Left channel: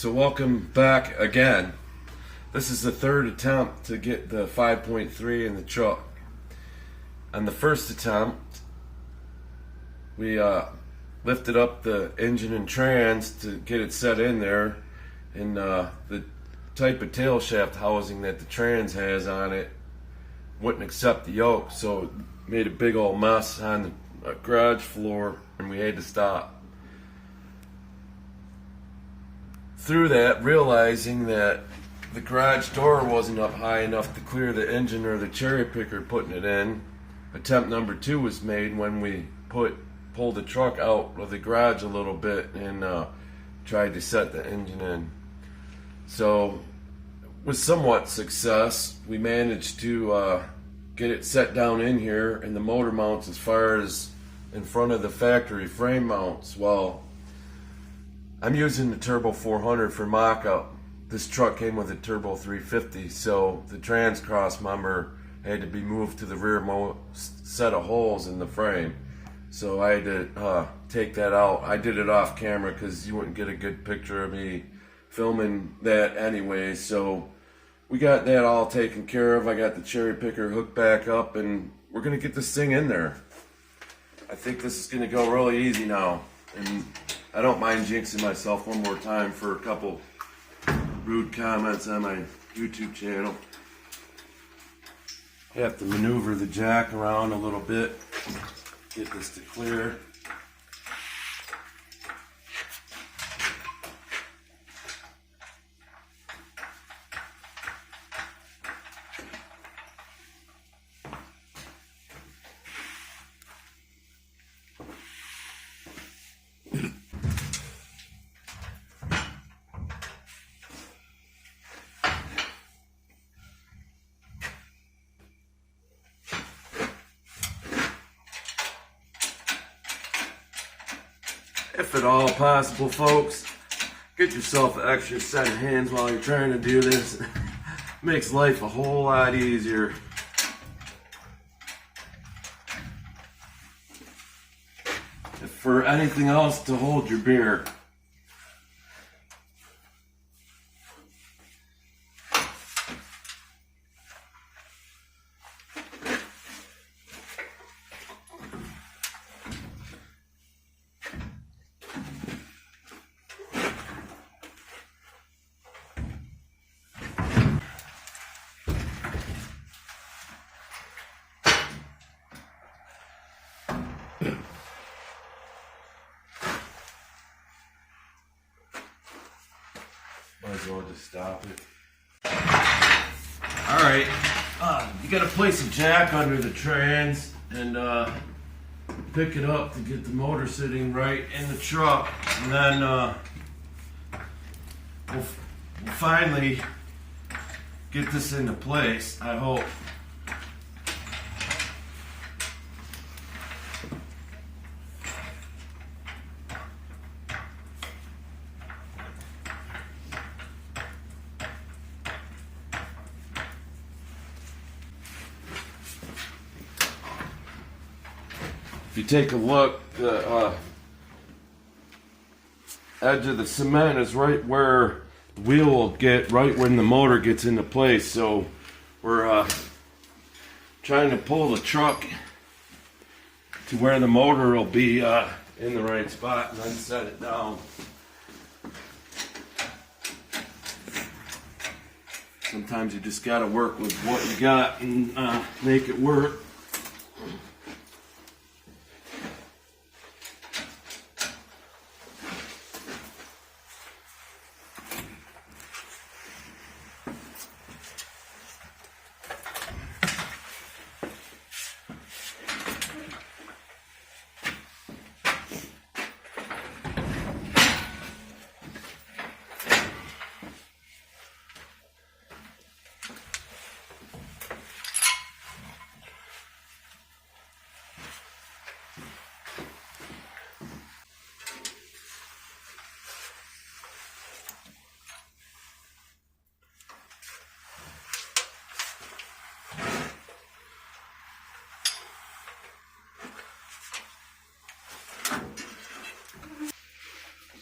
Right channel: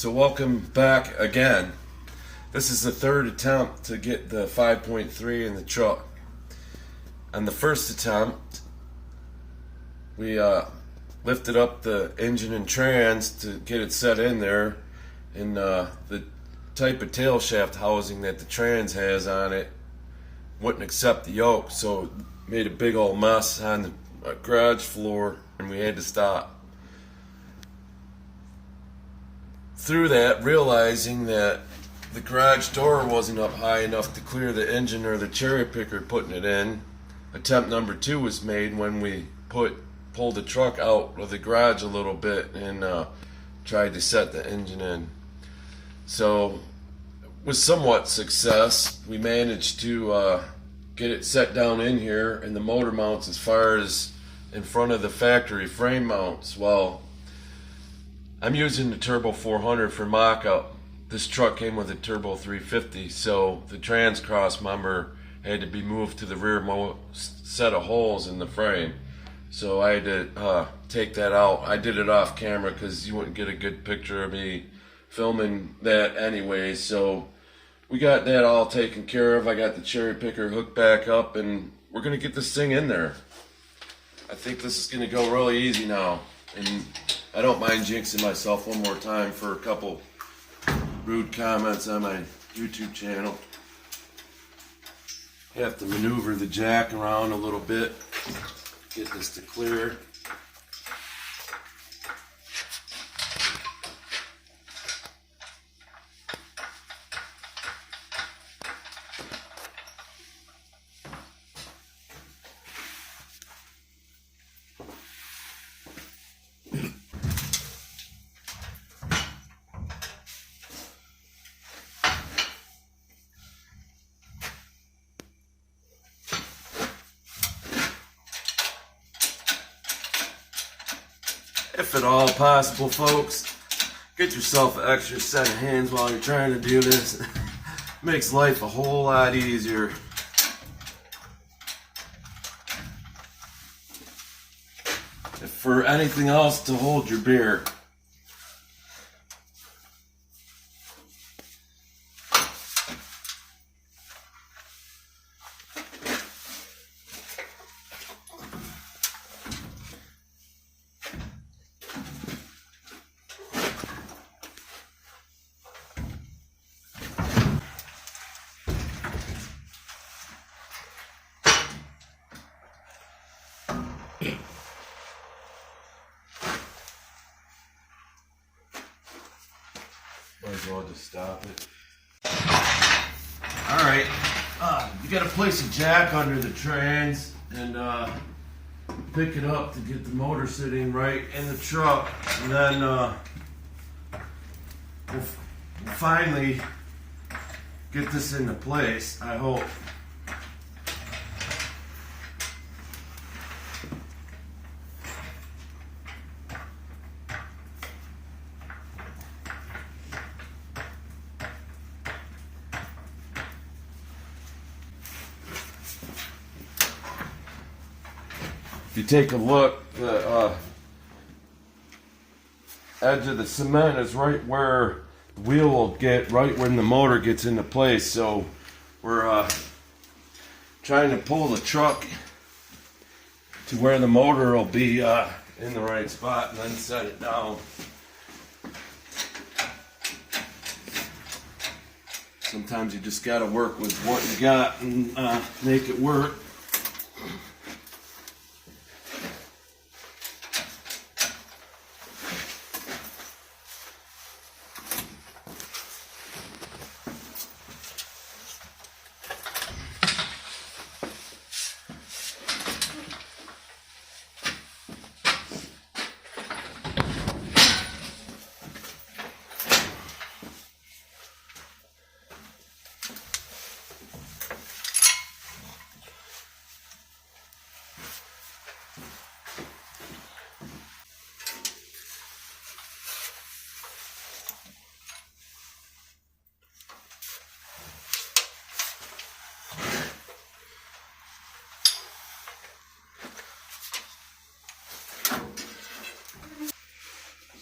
So welcome back again. This is the third attempt to get the 5.3 in the truck. On the first attempt, we lifted up the engine and trans to get it set in there, and the type of tail shaft housing that the trans has on it wouldn't accept the yoke, so it made a big old mess on the garage floor, and we had to stop. Through that, realizing that the garage door wasn't up high enough to clear the engine or the cherry picker putting it in, attempt number 2 was made when we pulled the truck out of the garage a little bit and tried to set the engine in. So with somewhat success, we managed to get it set down in here, and the motor mounts as far as in front of the factory frame mounts. Well, I'm using the Turbo 400 for mock-up. This truck came with a Turbo 350, so the trans cross member had to be moved to the rear set of holes in the frame. So I had to take that out. I did it off camera because you wouldn't get a good picture of me filming that anyway. So we got that all taken care of. I got the cherry picker hooked back up, and we're gonna get this thing in there. I think this is gonna go really easy now. And I don't mind jinxing myself one more time for a couple rude comments on my YouTube channel. Have to maneuver the jack around a little bit, get this to clear. If at all possible, folks, get yourself an extra set of hands while you're trying to do this. Makes life a whole lot easier. If for anything else, to hold your beer. Might as well just stop it. Alright, you gotta place a jack under the trans and pick it up to get the motor sitting right in the truck, and then we'll finally get this into place, I hope. If you take a look, the edge of the cement is right where the wheel will get, right when the motor gets into place. So we're trying to pull the truck to where the motor will be in the right spot, and then set it down. Sometimes you just got to work with what you got and make it work.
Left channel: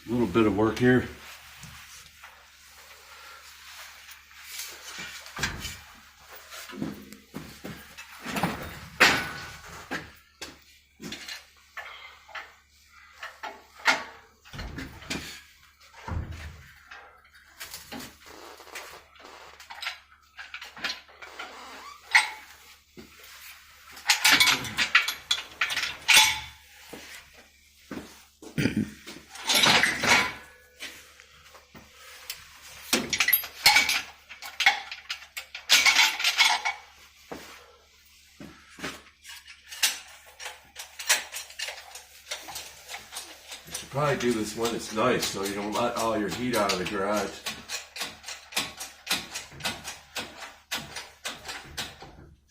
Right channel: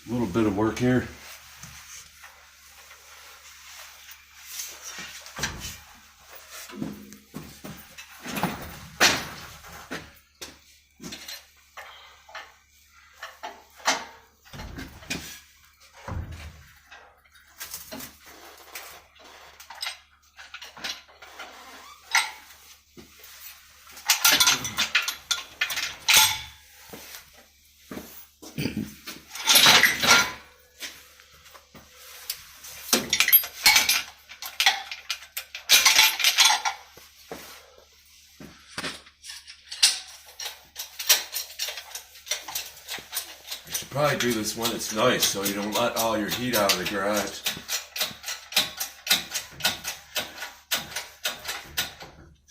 A little bit of work here. probably do this when it's nice so you don't let all your heat out of the garage.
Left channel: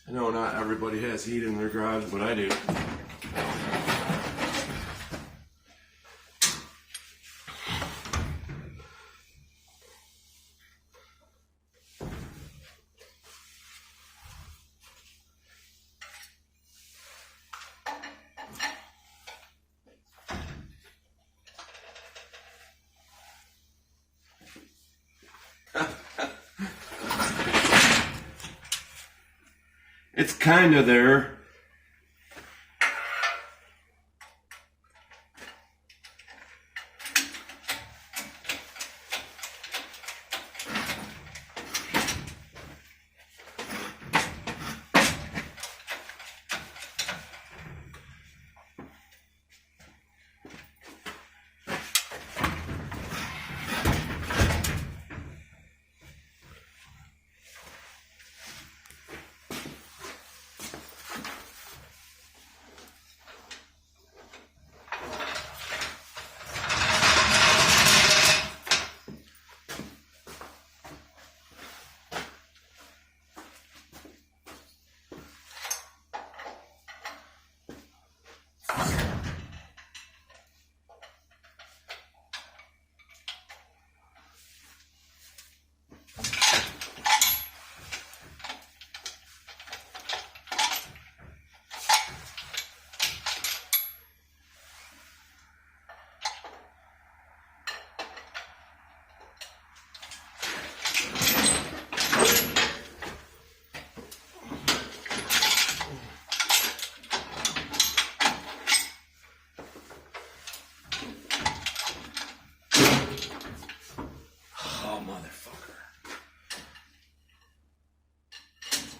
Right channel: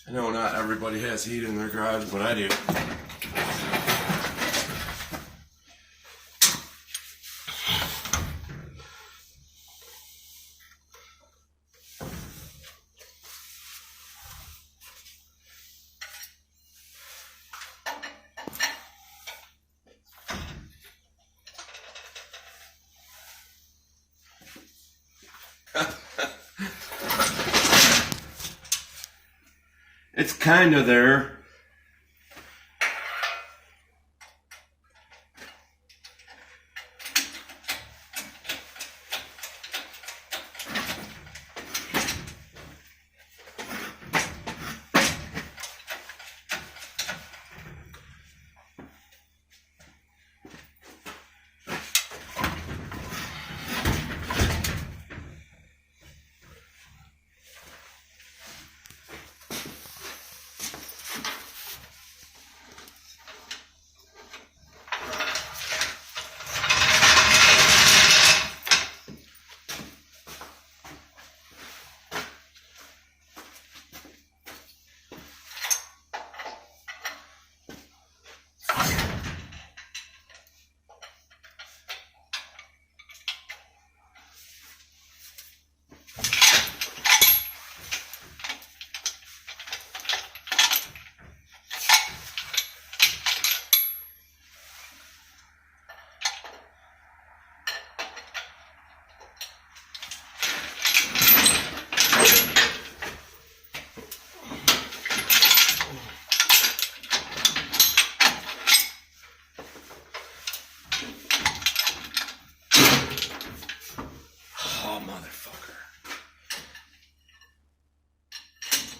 I know not everybody has heat in their garage, but I do. It's kind of there.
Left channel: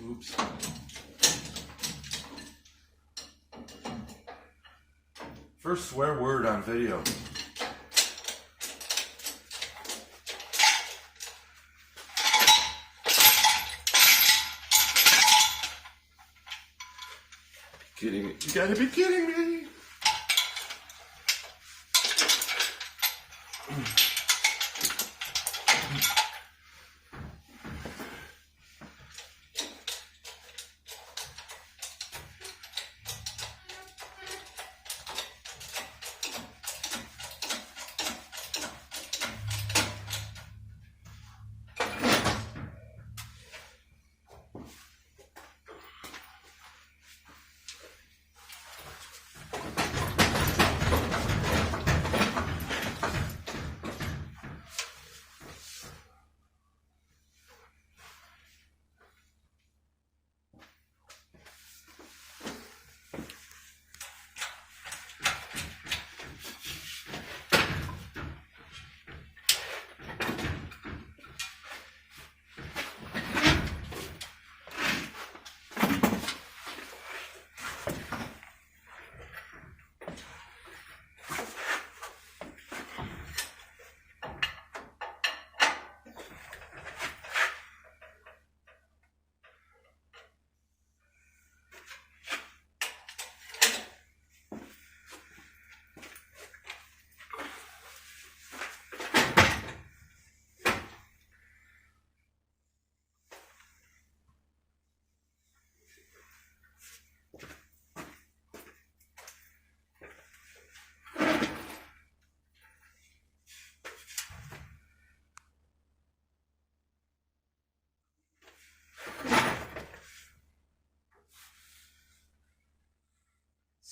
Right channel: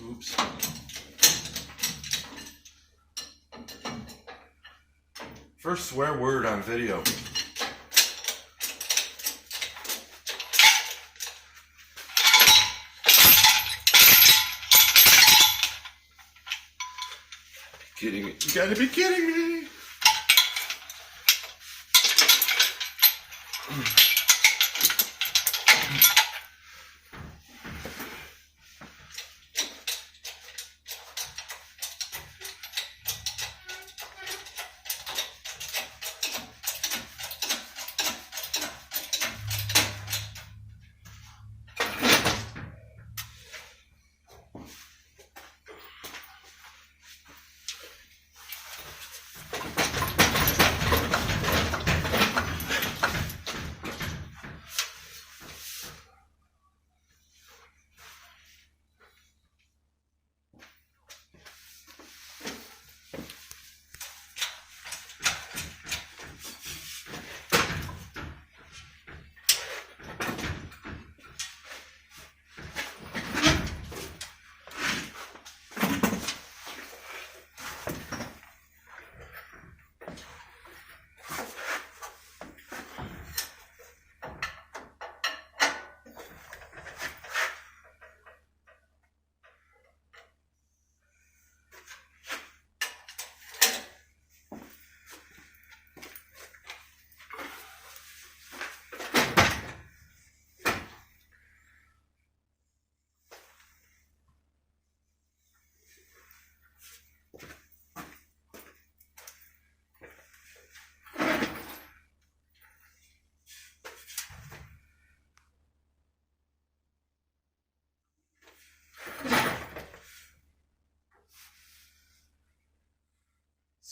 Oops. First swear word on video. Kidding me. You gotta be kidding me.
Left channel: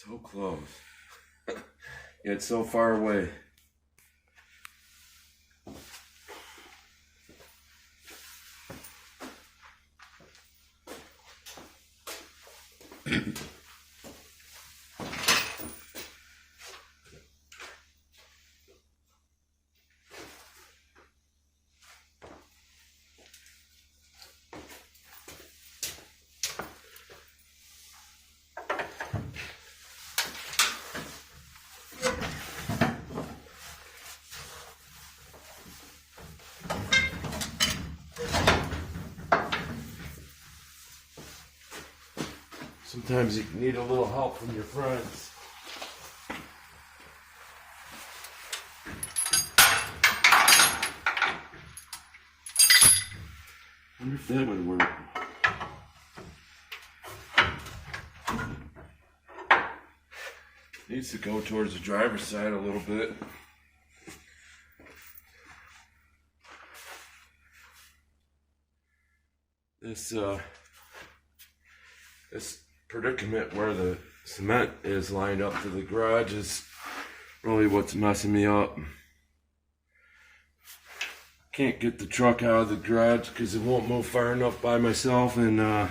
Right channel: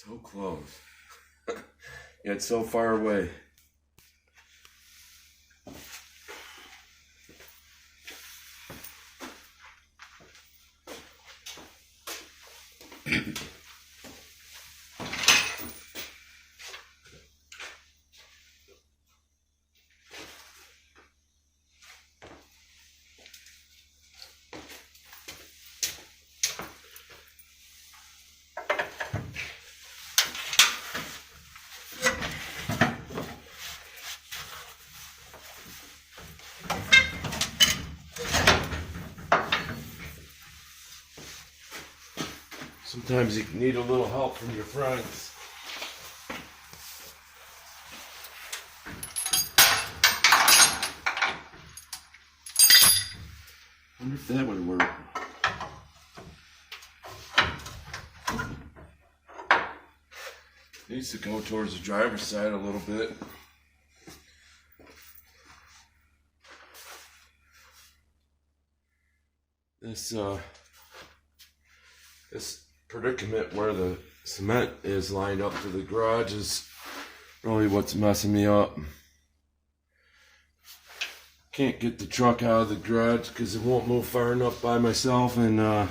So close, yet so far away. Sometimes you need a little help from your friends. wonder if that would work. Needs to go towards the driver's side a little bit. This predicament where the cement is lined up to the garage is really what's messing me up. Can't get the truck out of the garage because it won't move far enough by myself, and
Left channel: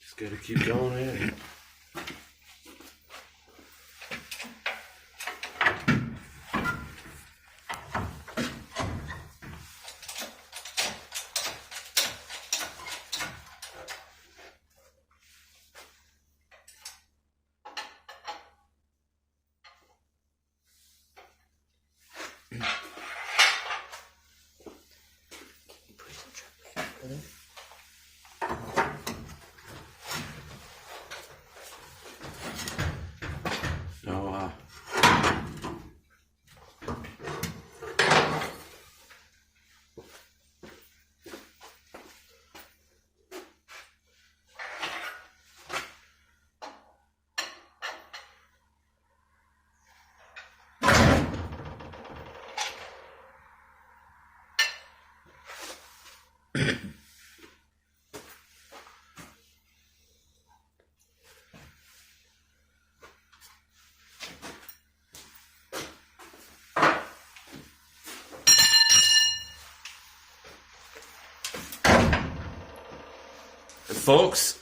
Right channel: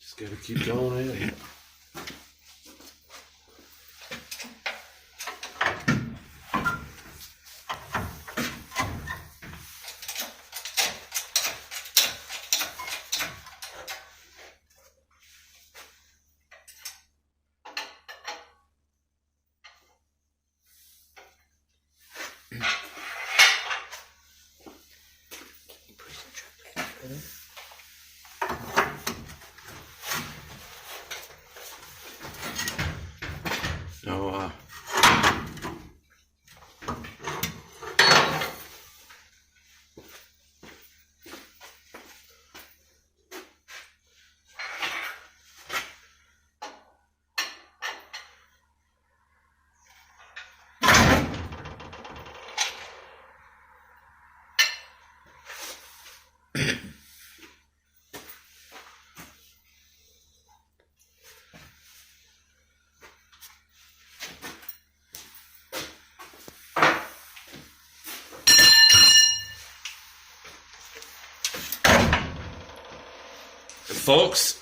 just gotta keep going at it. Folks,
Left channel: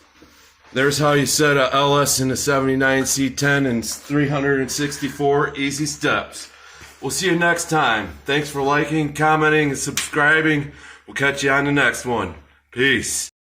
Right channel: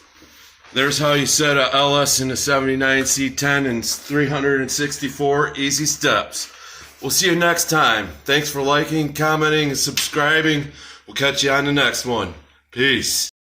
there's how you set a LS in a 79 C10 in 364 easy steps. We'll see you next time. Thanks for liking, commenting, and subscribing. We'll catch you on the next one. Peace.